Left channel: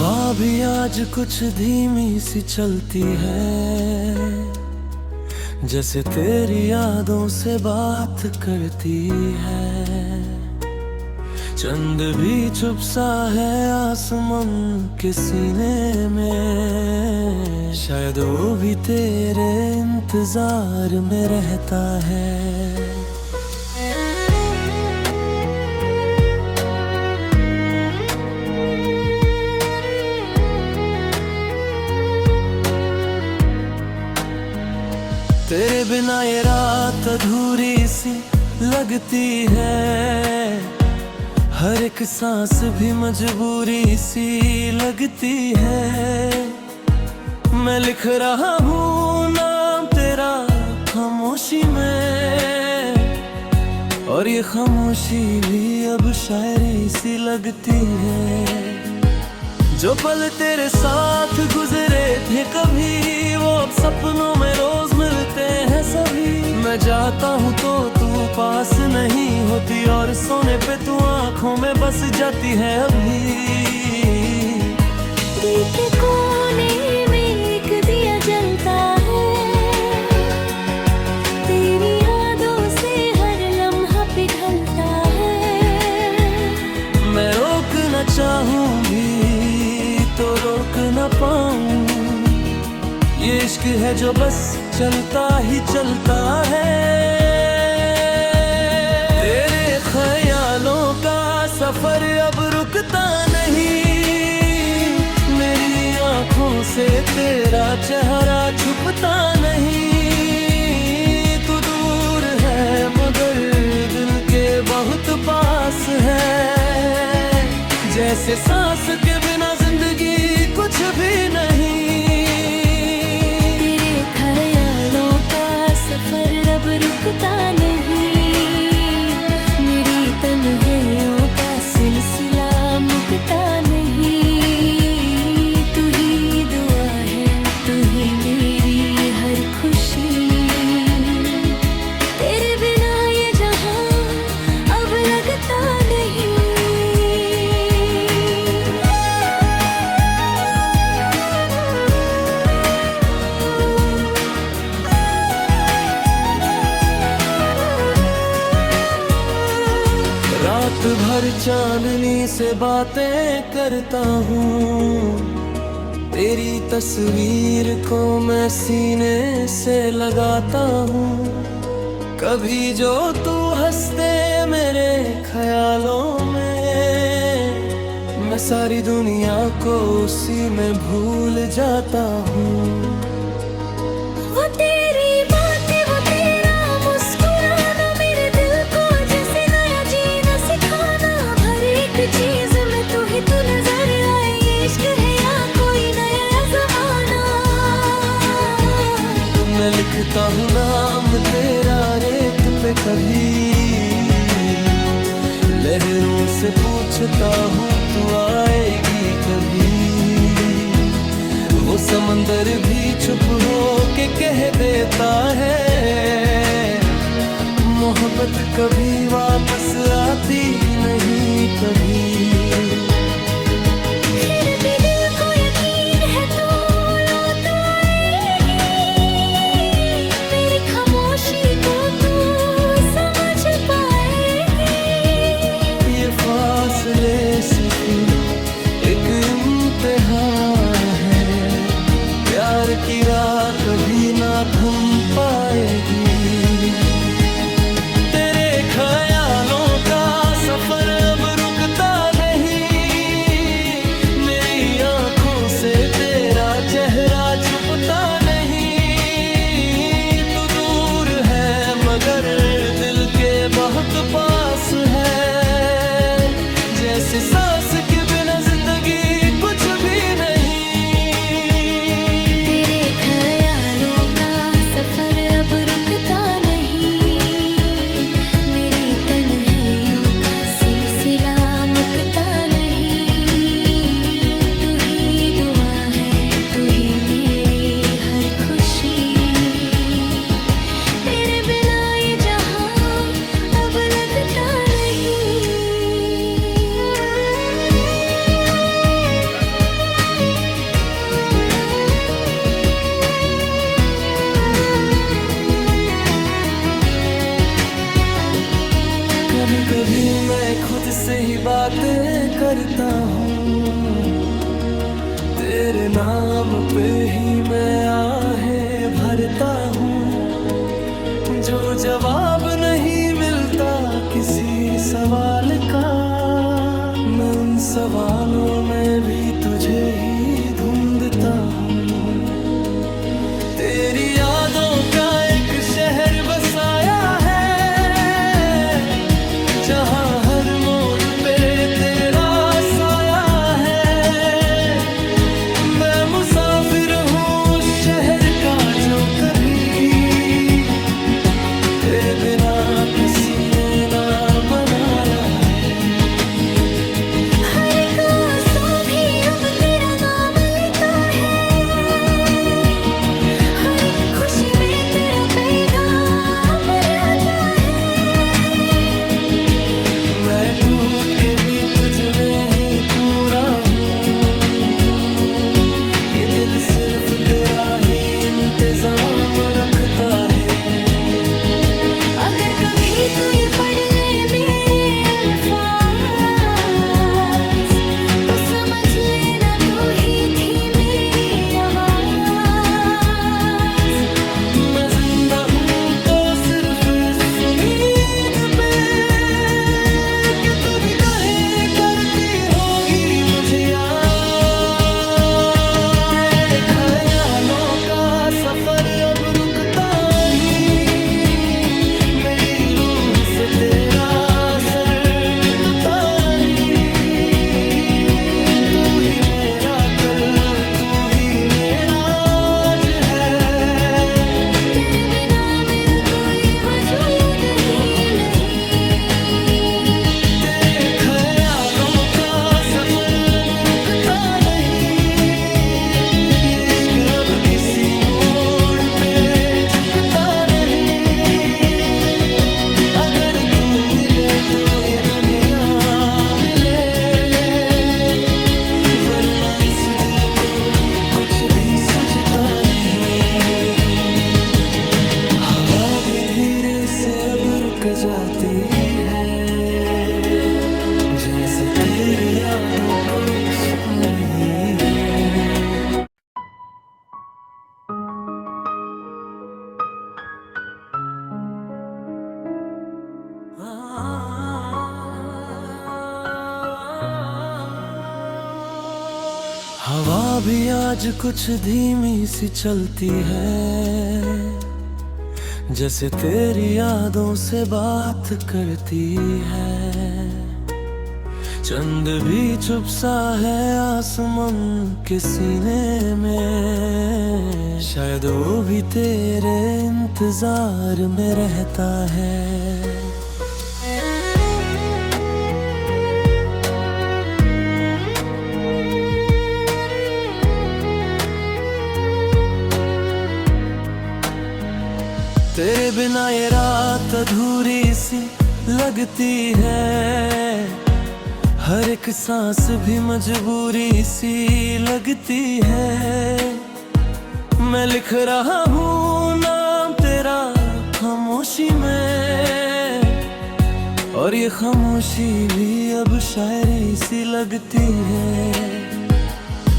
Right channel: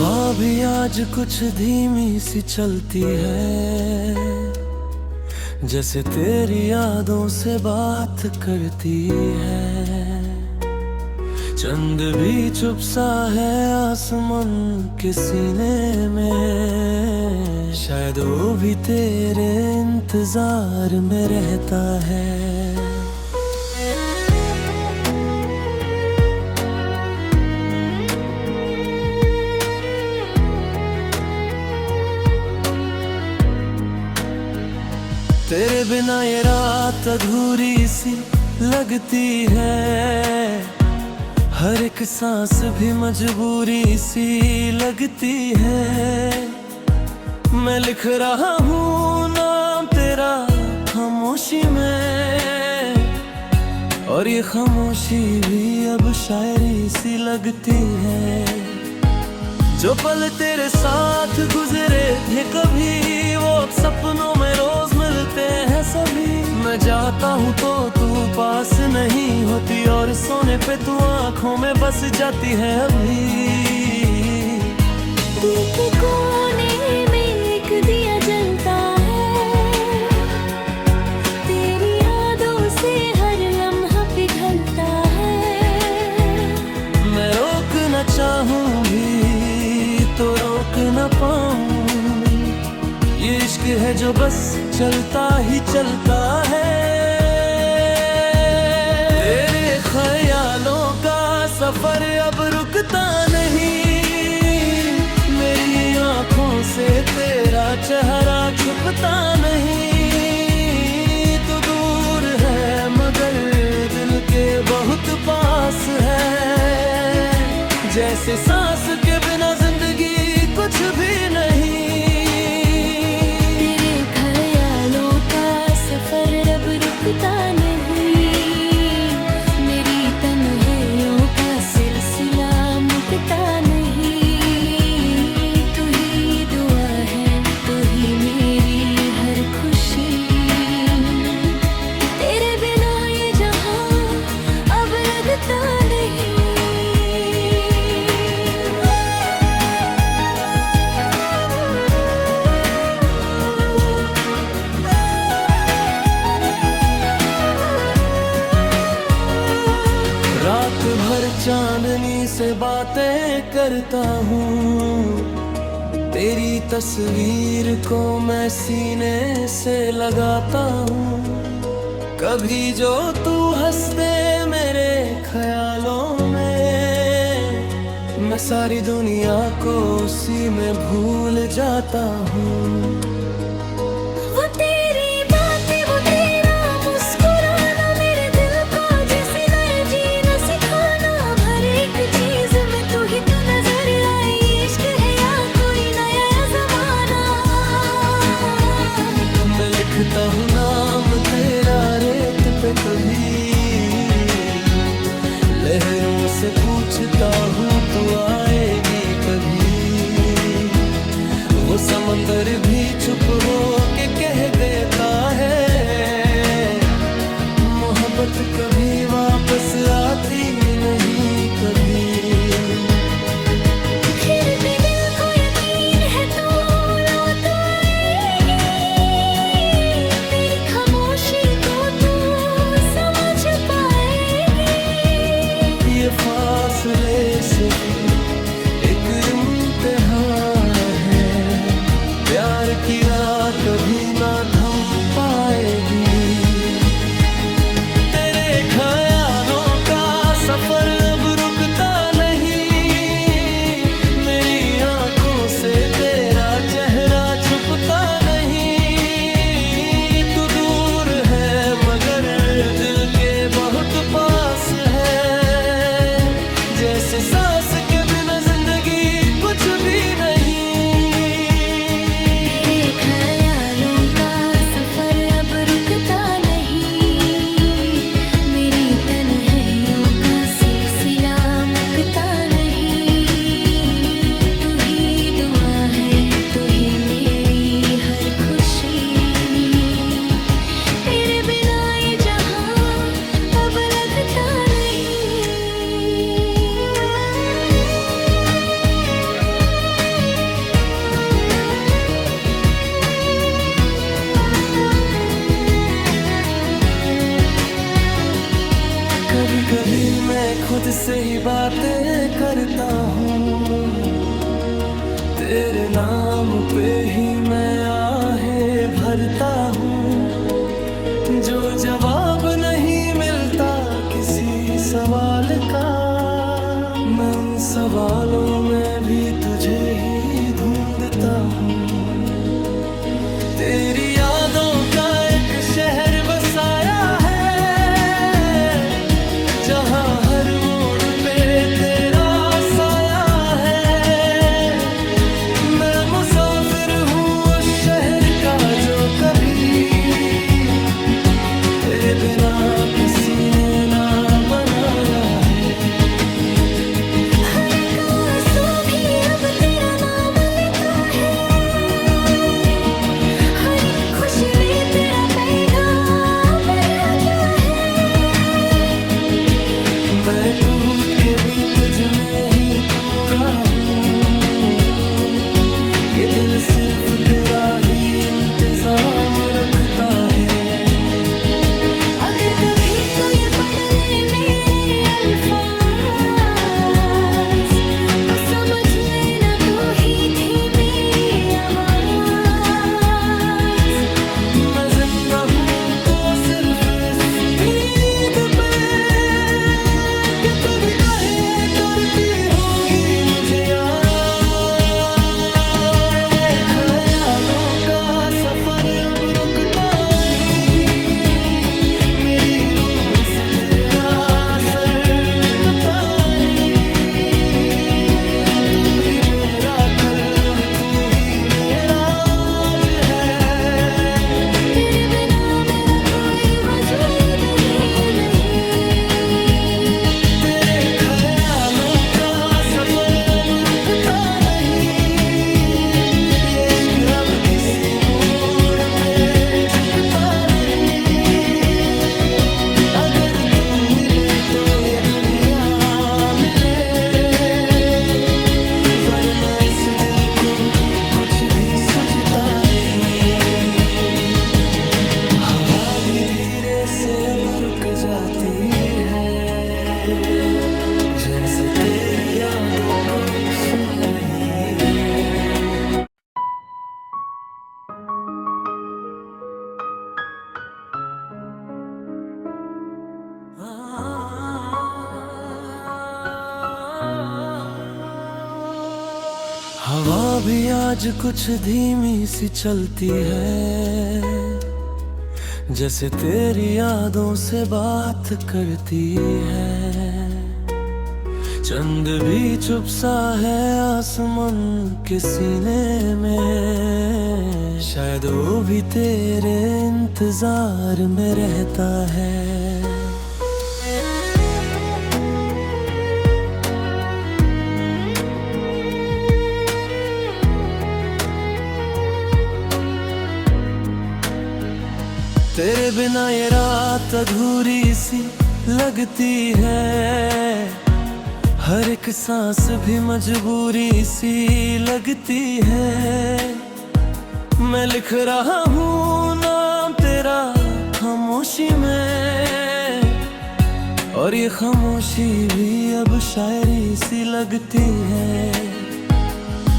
हवा भी आज कुछ धीमी सी चलती है, जैसे तेरी यादों से बात करती है। चंद भी चुप सा है आसमान के सीने में, शायद वो भी तेरे इंतजार में रहता है। तेरे बिना ये रात अधूरी सी लगती है, हर एक सांस भी मजबूरी सी लगती है। मैं लिख रहा हूँ नाम तेरा खामोशी में, और ये खामोशी भी अब शायरी सी लगती है। जो पल तेरे साथ गुजरे थे कभी, वो अब सपनों में रोज मिलते हैं सभी। मैं जाता हूँ तो तू पास नहीं होती, और सोने पे तू आँखों में बस जाती है अभी। दिल के कोने में एक दिया जलता है, तेरी यादों से हर लम्हा पिघलता है। मैं रोकना चाहूंगी तो रोक न पाऊं, ये इश्क है जो बस चलता ही चलता है। तेरे ख्यालों का सफर अब रुकता नहीं, मेरी आंखों से तेरा चेहरा छुपता नहीं। तू दूर है मगर दिल के बहुत पास है, जैसे सांस के बिना जिंदगी कुछ भी नहीं। तेरे ख्यालों का सफर अब रुकता नहीं, मेरी तन्हाइयों का सिलसिला मुकता नहीं। तू ही दुआ है, तू ही मेरी हर खुशी, तेरे बिना ये जहां अब लगता नहीं। रात भर चांदनी से बातें करता हूँ, तेरी तस्वीर को मैं सीने से लगाता हूँ। कभी जो तू हंसते मेरे ख्यालों में, मैं सारी दुनिया को उसी में भूल जाता हूँ। वो तेरी बातें, वो तेरा मुस्कुराना, मेरे दिल को जैसे नया जीना सिखाना। हर एक चीज में तू ही तू नजर आए, इश्क है या कोई नया जमाना। मैं लिखता हूँ नाम तेरा रेत पे कभी, लहरों से पूछता हूँ तू आएगी कभी। वो समंदर भी चुप हो के कह देता है, मोहब्बत कभी वापस आती नहीं कभी। फिर भी दिल को यकीन है तू लौट आएगी, मेरी खामोशी को तू समझ पाएगी। ये फासले सिर्फ एक इम्तिहान है, प्यार की राह कभी ना थम पाएगी। तेरे ख्यालों का सफर अब रुकता नहीं, मेरी आंखों से तेरा चेहरा छुपता नहीं। तू दूर है मगर दिल के बहुत पास है, जैसे सांस के बिना जिंदगी कुछ भी नहीं। तेरे ख्यालों का सफर अब रुकता नहीं, मेरी तन्हाइयों का सिलसिला मुकता नहीं। तू ही दुआ है, तू ही मेरी हर खुशी, तेरे बिना ये जहां अब लगता नहीं। कभी मैं खुद से ही बातें करता हूँ, तेरे नाम पे ही मैं आहें भरता हूँ। जो जवाब नहीं मिलता किसी सवाल का, मैं उन सवालों में भी तुझे ही ढूंढता हूँ। तेरी यादों का एक शहर बसाया है, जहाँ हर मोड़ पे तेरा साया है। मैं मुसाफिर हूँ उस शहर का जो कभी तेरे बिना किसी ने ना बनाया है। हर एक आंसू भी अब तेरा नाम लेता है, हर एक खुशी में तेरा पैगाम रहता है। मैं टूट के भी तुझ में ही पूरा हूँ, ये दिल सिर्फ तेरा ही इंतजाम रखता है। अगर कभी तू ये पढ़ ले मेरे अल्फाज, तो समझ लेना तू ही थी मेरी आवाज। मैं जिंदा हूँ तो सिर्फ इस उम्मीद पे कि तू भी कहे करती होगी मुझे याद। तेरे ख्यालों का सफर अब रुकता नहीं, मेरी रूह से तेरा असर मिटता नहीं। तू ही मेरा कल, तू ही मेरा आज है। तेरे बिना मेरा कोई वजूद ही नहीं। तेरे ख्यालों का सफर अब रुकता नहीं, ये इश्क अब किसी मोड़ पे झुकता नहीं। अगर तू मिले तो ये दुनिया मिले, वरना इस दिल को कुछ भी सूझता नहीं। हवा भी धीरे से अब रुक जाती है, जैसे तेरी यादों को सुन रही हूँ। हवा भी आज कुछ धीमी सी चलती है, जैसे तेरी यादों से बात करती है। चंद भी चुप सा है आसमान के सीने में, शायद वो भी तेरे इंतजार में रहता है। तेरे बिना ये रात अधूरी सी लगती है, हर एक सांस भी मजबूरी सी लगती है। मैं लिख रहा हूँ नाम तेरा खामोशी में, और ये खामोशी भी अब शायरी सी लगती है।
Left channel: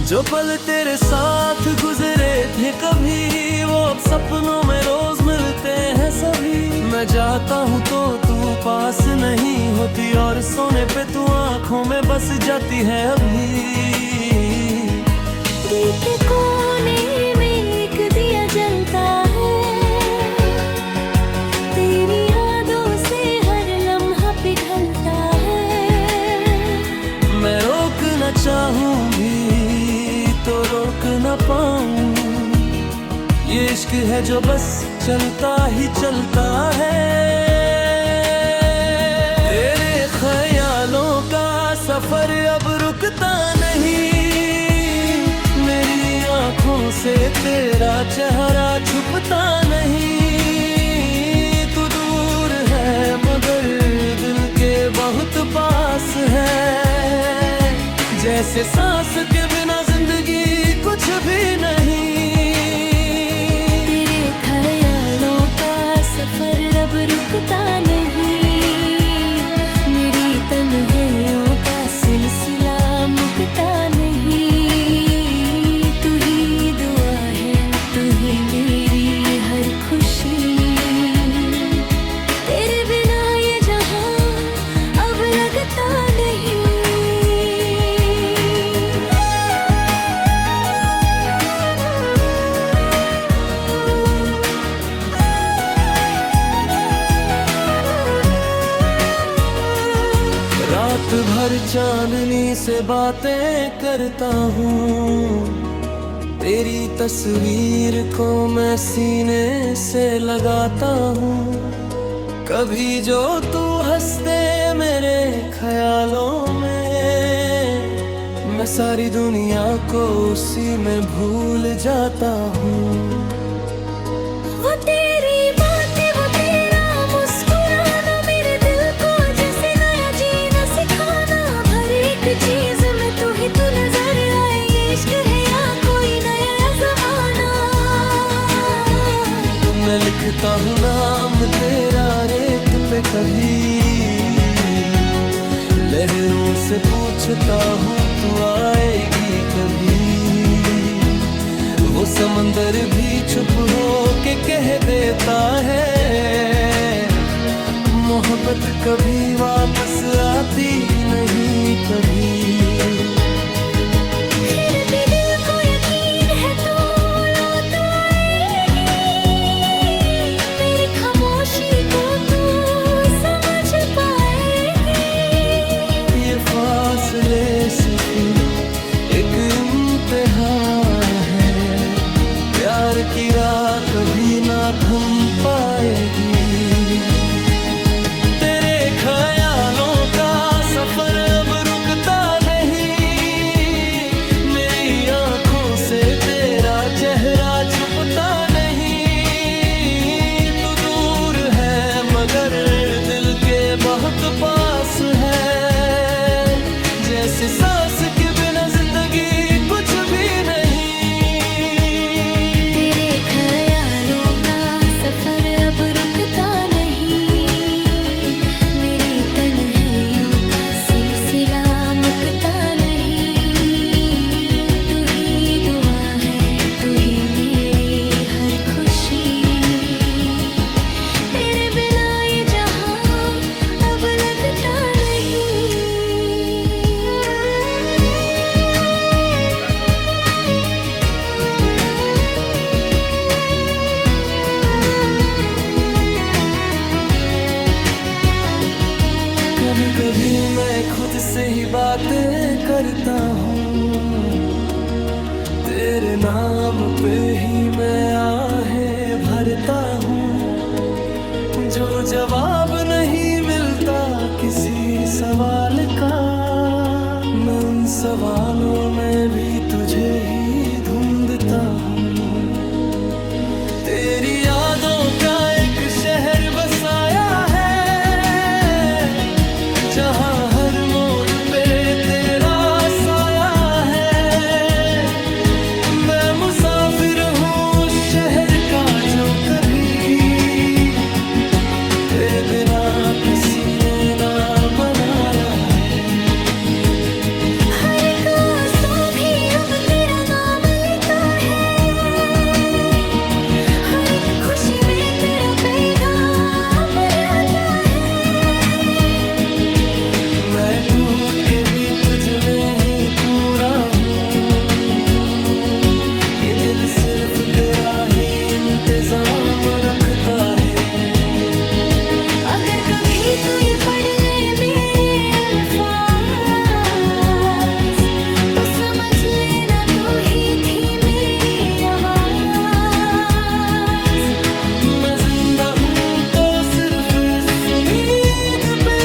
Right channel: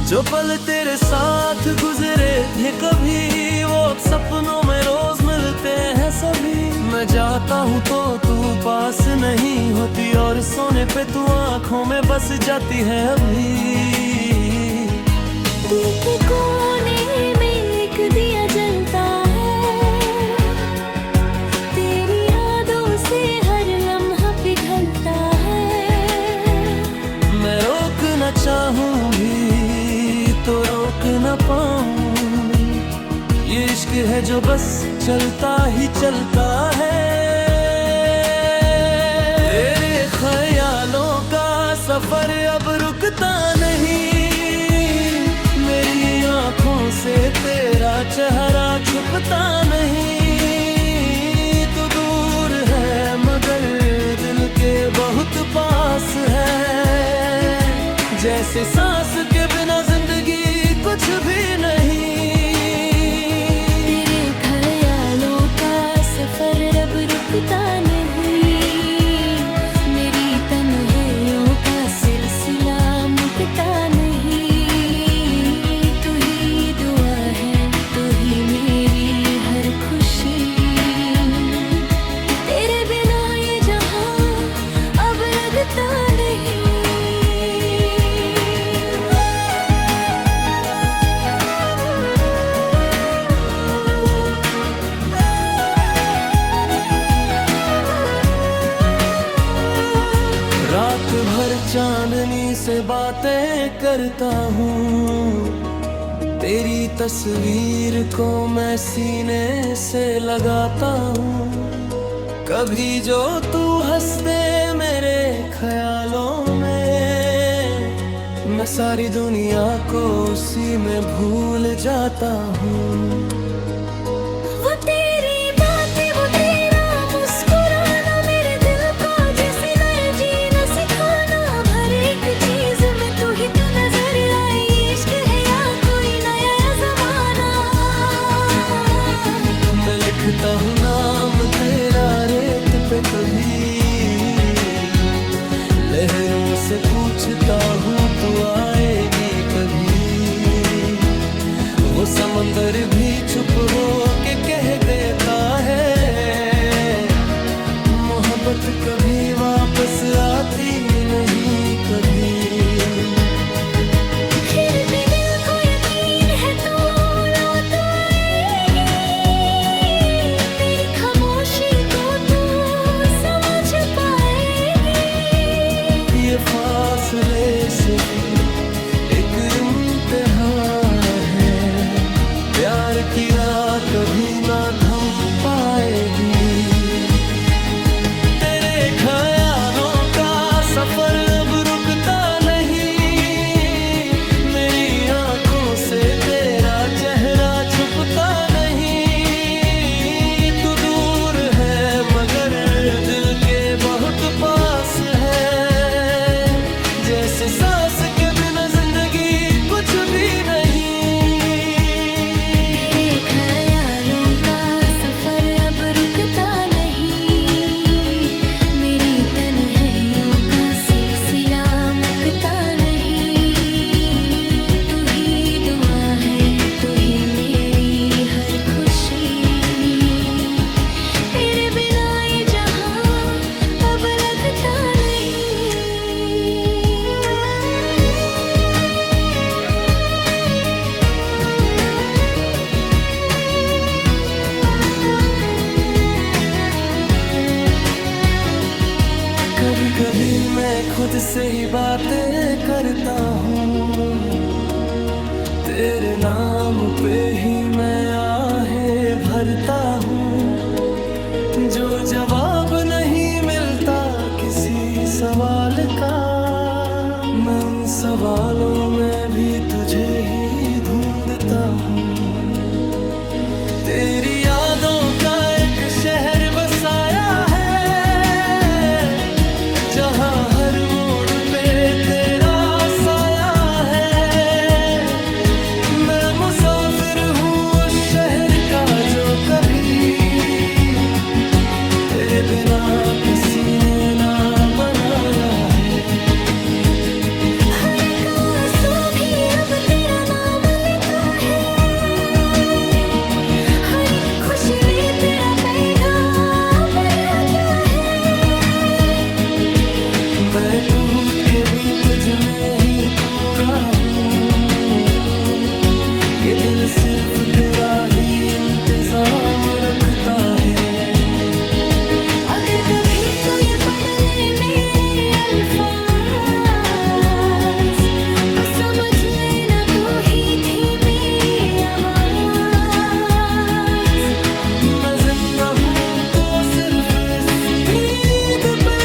जो पल तेरे साथ गुजरे थे कभी, वो अब सपनों में रोज मिलते हैं सभी। मैं जाता हूँ तो तू पास नहीं होती, और सोने पे तू आँखों में बस जाती है अभी। दिल के कोने में एक दिया जलता है, तेरी यादों से हर लम्हा पिघलता है। मैं रोकना चाहूंगी तो रोक न पाऊं, ये इश्क है जो बस चलता ही चलता है। तेरे ख्यालों का सफर अब रुकता नहीं, मेरी आंखों से तेरा चेहरा छुपता नहीं। तू दूर है मगर दिल के बहुत पास है, जैसे सांस के बिना जिंदगी कुछ भी नहीं। तेरे ख्यालों का सफर अब रुकता नहीं, भर चांदनी से बातें करता हूँ, तेरी तस्वीर को मैं सीने से लगाता हूँ। कभी जो तू हंसते मेरे ख्यालों में, मैं सारी दुनिया को उसी में भूल जाता हूँ। वो तेरी बातें, वो तेरा मुस्कुराना, मेरे दिल को जैसे नया जीना सिखाना। हर एक चीज में तू ही तू नजर आए, इश्क है या कोई नया जमाना। मैं लिखता हूँ नाम तेरा रेत पे कभी, लहरों से पूछता हूँ तू आएगी कभी। वो समंदर भी चुप हो के कह देता है, मोहब्बत कभी वापस आती नहीं कभी। फिर भी दिल को यकीन है तू लौट आएगी, मेरी खामोशी को तू समझ पाएगी। ये फासले सिर्फ एक इम्तिहान है, प्यार की राह कभी ना थम पाएगी। तेरे ख्यालों का सफर अब रुकता नहीं, मेरी आंखों से तेरा चेहरा छुपता नहीं। तू दूर है मगर दिल के बहुत पास है, जैसे सांस के बिना जिंदगी कुछ भी नहीं। तेरे ख्यालों का सफर अब रुकता नहीं, मेरी तन्हाइयों का सिलसिला मुकता नहीं। तू ही दुआ है, तू ही मेरी हर खुशी, तेरे बिना ये जहां अब लगता नहीं। कभी कभी मैं खुद से ही बातें करता हूँ, तेरे नाम पे ही मैं आहें भरता हूँ। जो जवाब नहीं मिलता किसी सवाल का, मैं उन सवालों में भी तुझे ही ढूंढता हूँ। तेरी यादों का एक शहर बसाया है, जहाँ हर मोड़ पे तेरा साया है। मैं मुसाफिर हूँ उस शहर का जो कभी तेरे बिना किसी ने ना बनाया है। हर एक आंसू भी अब तेरा नाम लेता है, हर एक खुशी में तेरा पैगाम रहता है। मैं टूट के भी तुझ में ही पूरा हूँ, ये दिल सिर्फ तेरा ही इंतजाम रखता है। अगर कभी तू ये पढ़ ले मेरे अल्फाज, तो समझ लेना तू ही थी मेरी आवाज। मैं जिंदा हूँ तो सिर्फ इस उम्मीद पे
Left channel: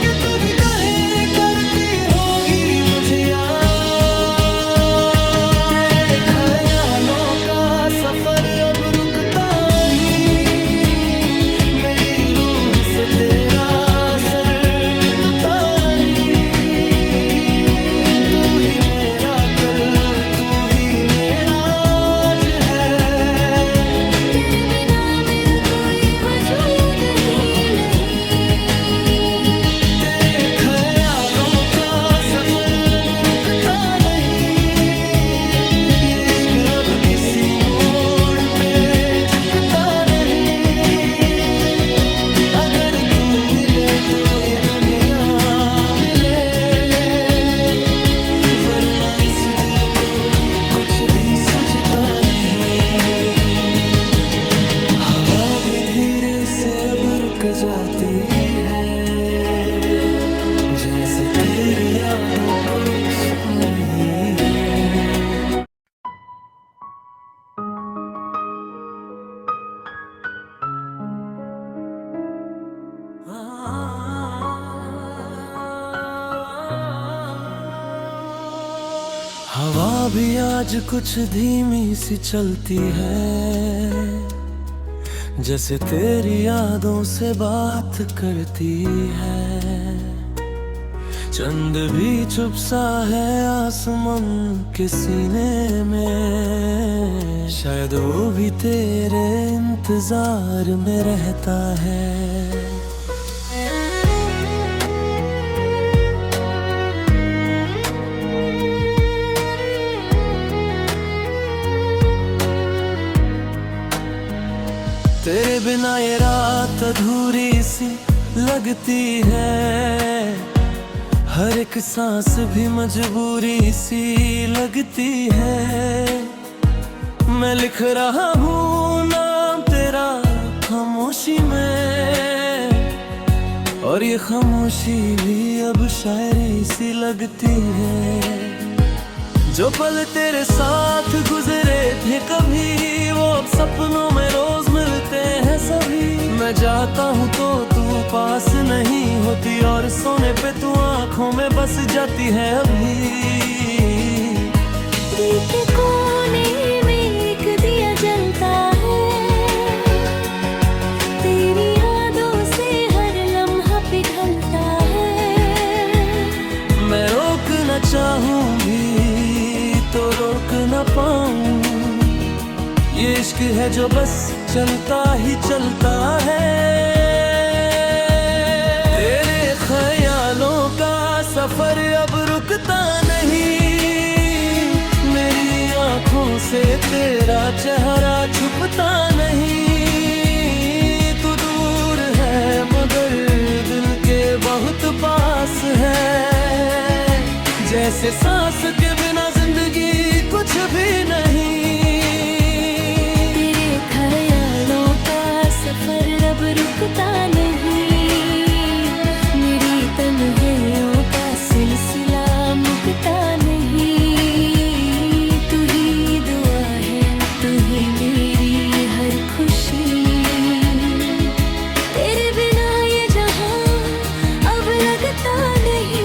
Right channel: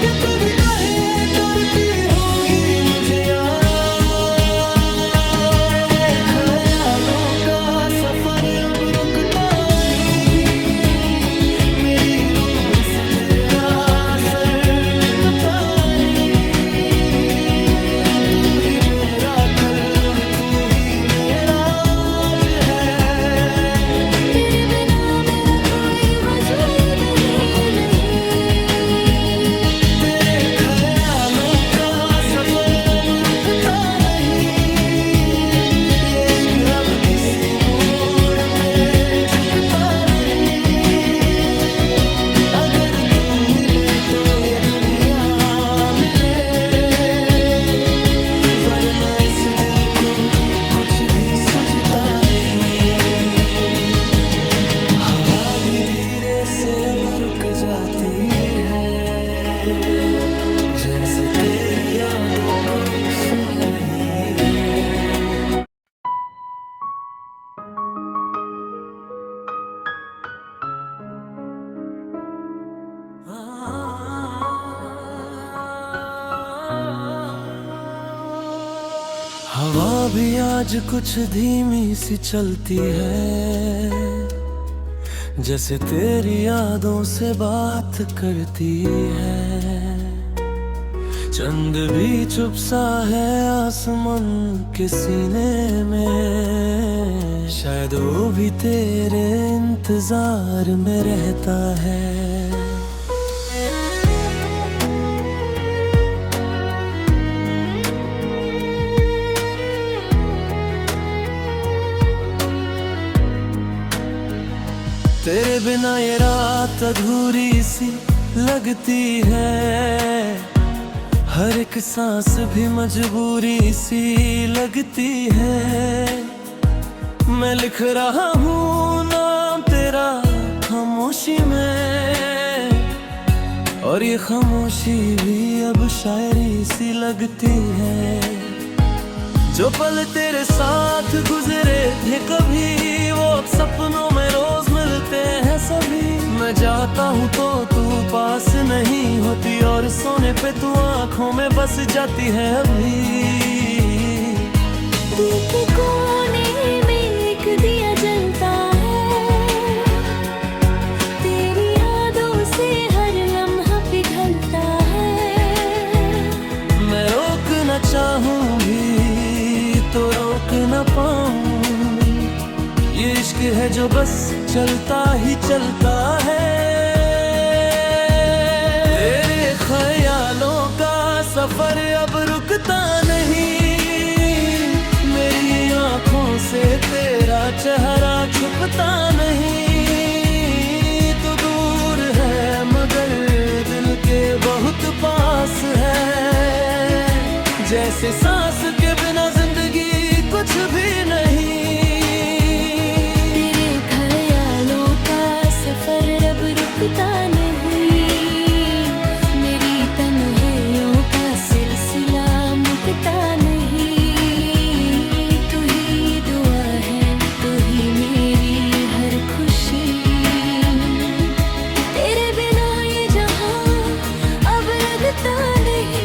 कि तू भी कहे करती होगी मुझे याद। तेरे ख्यालों का सफर अब रुकता नहीं, मेरी रूह से तेरा असर मिटता नहीं। तू ही मेरा कल, तू ही मेरा आज है, तेरे बिना मेरा कोई वजूद ही नहीं। तेरे ख्यालों का सफर अब रुकता नहीं, ये इश्क अब किसी मोड़ पे झुकता नहीं। अगर तू मिले तो ये दुनिया मिले, वरना इस दिल को कुछ भी सूझता नहीं। हवा भी धीरे से अब रुक जाती है। जैसे तेरी यादों को सुन रही हूँ। हवा भी आज कुछ धीमी सी चलती है, जैसे तेरी यादों से बात करती है। चंद भी चुप सा है आसमान के सीने में, शायद वो भी तेरे इंतजार में रहता है। तेरे बिना ये रात अधूरी सी लगती है, हर एक सांस भी मजबूरी सी लगती है। मैं लिख रहा हूँ नाम तेरा खामोशी में, और ये खामोशी भी अब शायरी सी लगती है। जो पल तेरे साथ गुजरे थे कभी, वो अब सपनों में रोज मिलते हैं सभी। मैं जाता हूँ तो तू पास नहीं होती, और सोने पे तू आँखों में बस जाती है अभी। दिल के कोने में एक दिया जलता है, तेरी यादों से हर लम्हा पिघलता है। मैं रोकना चाहूंगी तो रोक न पाऊं, ये इश्क है जो बस चलता ही चलता है। तेरे ख्यालों का सफर अब रुकता नहीं, मेरी आंखों से तेरा चेहरा छुपता नहीं। तू दूर है मगर दिल के बहुत पास है, जैसे सांस के बिना जिंदगी कुछ भी नहीं। तेरे ख्यालों का सफर अब रुकता नहीं, मेरी तन्हाइयों का सिलसिला मुकता नहीं। तू ही दुआ है, तू ही मेरी हर खुशी, तेरे बिना ये जहां अब लगता नहीं।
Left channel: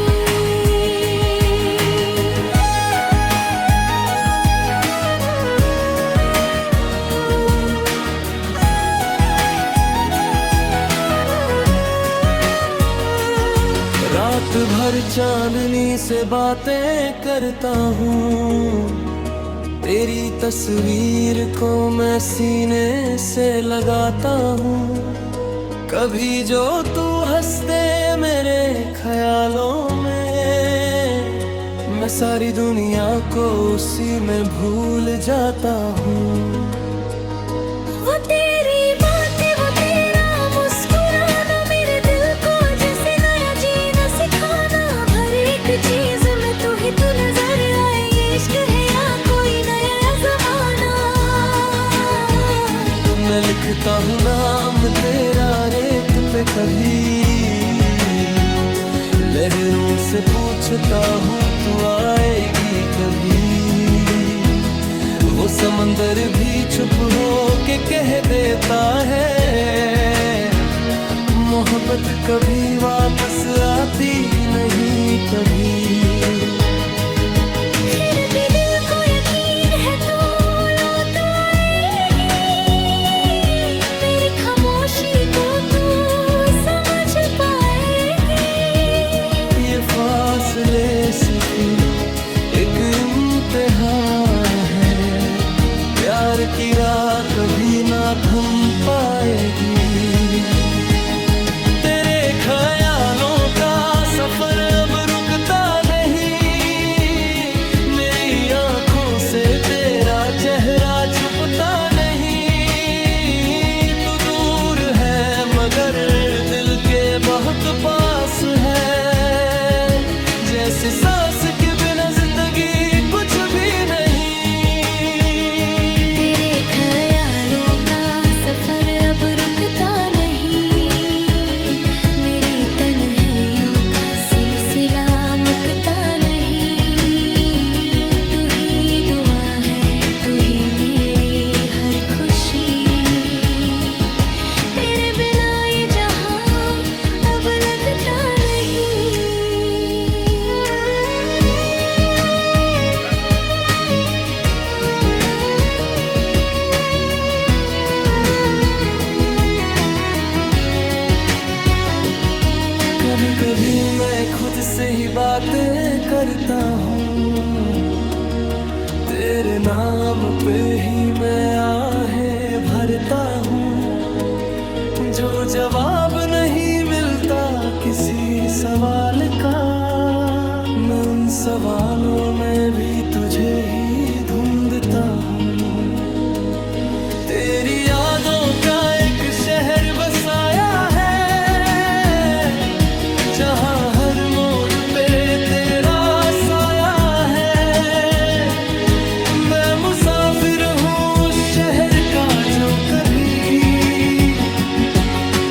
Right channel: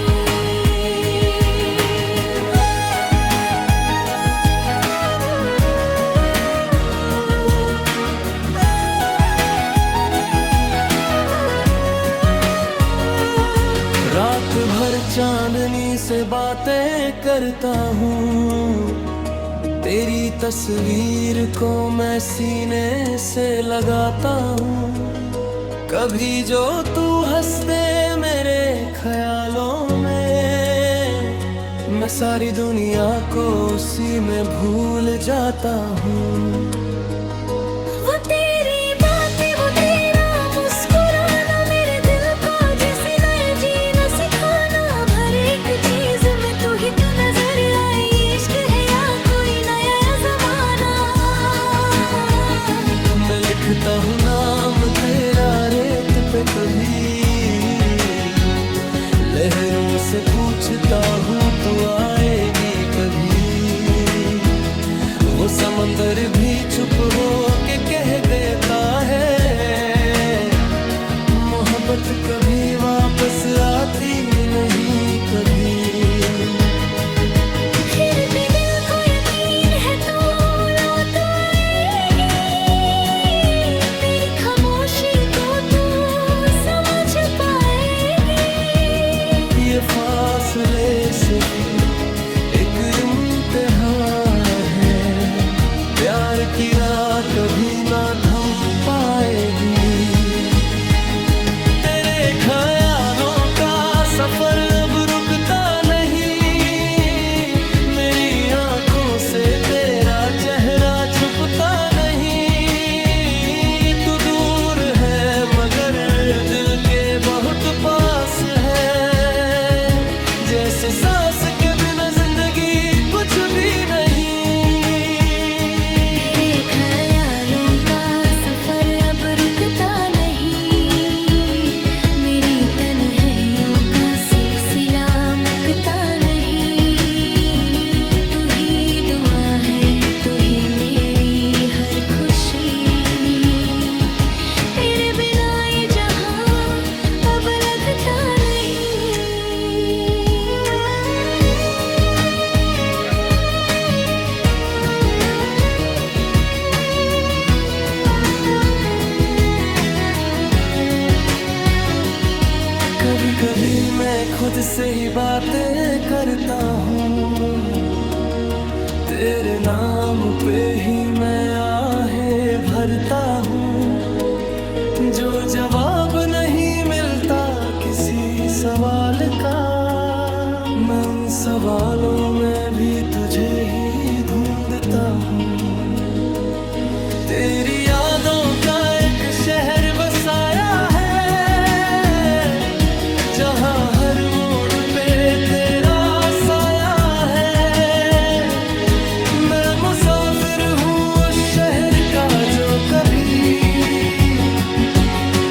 रात भर चांदनी से बातें करता हूँ, तेरी तस्वीर को मैं सीने से लगाता हूँ। कभी जो तू हंसते मेरे ख्यालों में, मैं सारी दुनिया को उसी में भूल जाता हूँ। वो तेरी बातें, वो तेरा मुस्कुराना, मेरे दिल को जैसे नया जीना सिखाना। हर एक चीज में तू ही तू नजर आए, इश्क है या कोई नया जमाना। मैं लिखता हूँ नाम तेरा रेत पे कभी, लहरों से पूछता हूँ तू आएगी कभी। वो समंदर भी चुप हो के कह देता है, मोहब्बत कभी वापस आती नहीं कभी। फिर भी दिल को यकीन है तू लौट आएगी, मेरी खामोशी को तू समझ पाएगी। ये फासले सिर्फ एक इम्तिहान है, प्यार की राह कभी ना थम पाएगी। तेरे ख्यालों का सफर अब रुकता नहीं, मेरी आंखों से तेरा चेहरा छुपता नहीं। तू दूर है मगर दिल के बहुत पास है, जैसे सांस के बिना जिंदगी कुछ भी नहीं। तेरे ख्यालों का सफर अब रुकता नहीं, मेरी तन्हाइयों का सिलसिला मैं खुद से ही बातें करता हूँ, तेरे नाम पे ही मैं आहें भरता हूँ। जो जवाब नहीं मिलता किसी सवाल का, मैं उन सवालों में भी तुझे ही ढूंढता हूँ। तेरी यादों का एक शहर बसाया है, जहाँ हर मोड़ पे तेरा साया है। मैं मुसाफिर हूँ उस शहर का जो कभी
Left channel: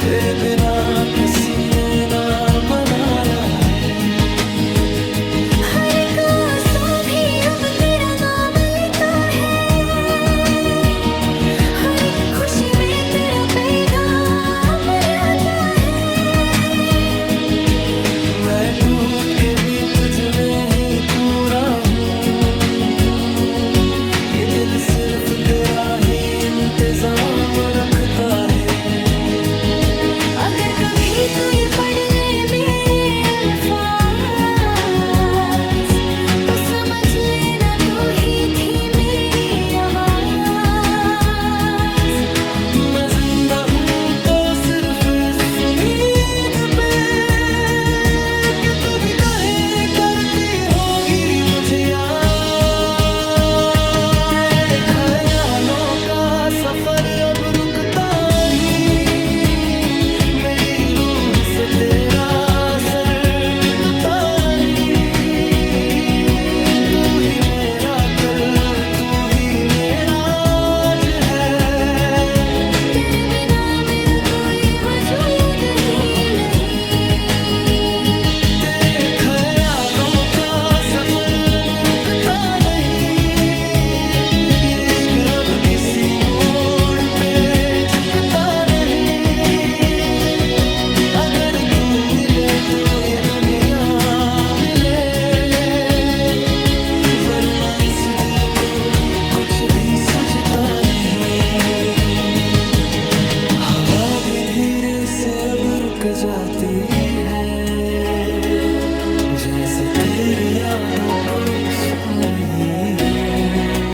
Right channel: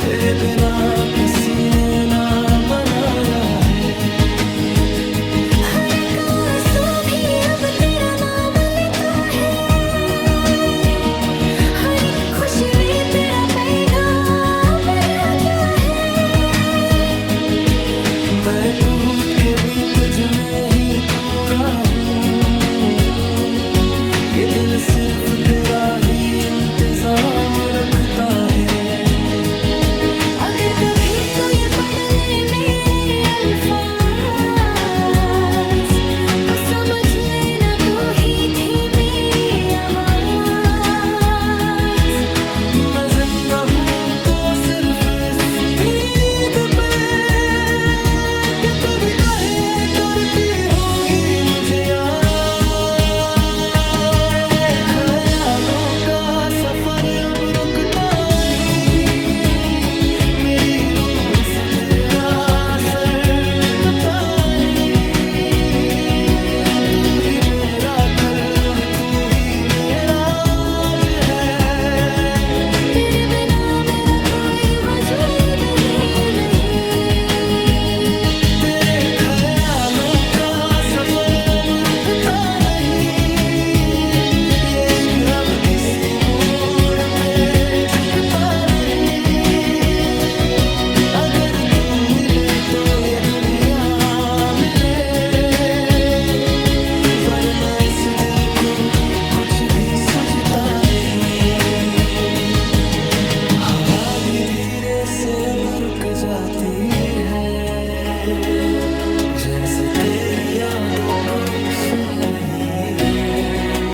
तेरे बिना किसी ने ना बनाया है। हर एक आंसू भी अब तेरा नाम लेता है, हर एक खुशी में तेरा पैगाम रहता है। मैं टूट के भी तुझ में ही पूरा हूँ, ये दिल सिर्फ तेरा ही इंतजाम रखता है। अगर कभी तू ये पढ़ ले मेरे अल्फाज, तो समझ लेना तू ही थी मेरी आवाज। मैं जिंदा हूँ तो सिर्फ इस उम्मीद पे कि तू भी कहे करती होगी मुझे याद। तेरे ख्यालों का सफर अब रुकता नहीं, मेरी रूह से तेरा असर मिटता नहीं। तू ही मेरा कल, तू ही मेरा आज है। तेरे बिना मेरा कोई वजूद ही नहीं। तेरे ख्यालों का सफर अब रुकता नहीं, ये इश्क अब किसी मोड़ पे झुकता नहीं। अगर तू मिले तो ये दुनिया मिले, वरना इस दिल को कुछ भी सूझता नहीं। हवा भी धीरे से अब रुक जाती है, जैसे तेरी यादों को सुन रही हूँ।